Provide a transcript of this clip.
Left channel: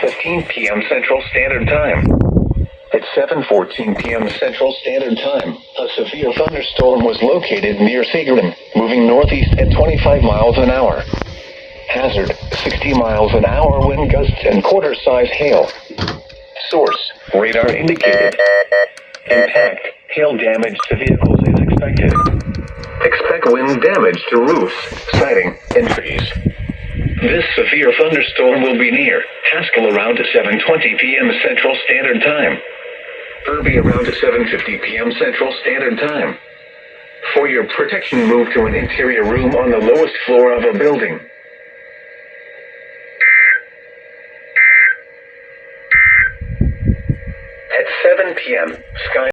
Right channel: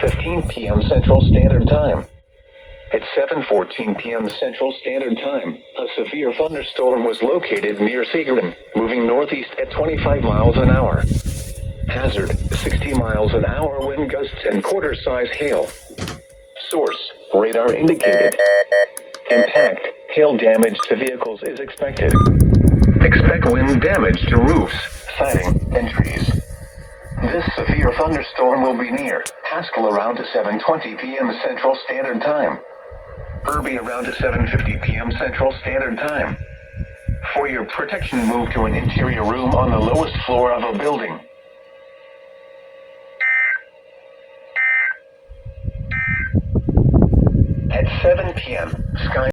7:15 p.m. Central Standard Time. At 7:14 p.m. Central Standard Time, a severe thunderstorm was located near Segerin, moving northeast at 25 miles an hour. Hazard, 60 miles an hour wind gusts and quarter-size hail. Source, radar indicated. Impact, hail damage to vehicles is expected. Expect wind damage to roofs, siding, and trees. This severe thunderstorm will be near Haskell around 7:20 p.m. Central Standard Time. Irby around 7:50 p.m. Central Standard Time. For your protection, move to an interior room on the lowest floor of a building. At 7 p.m., sky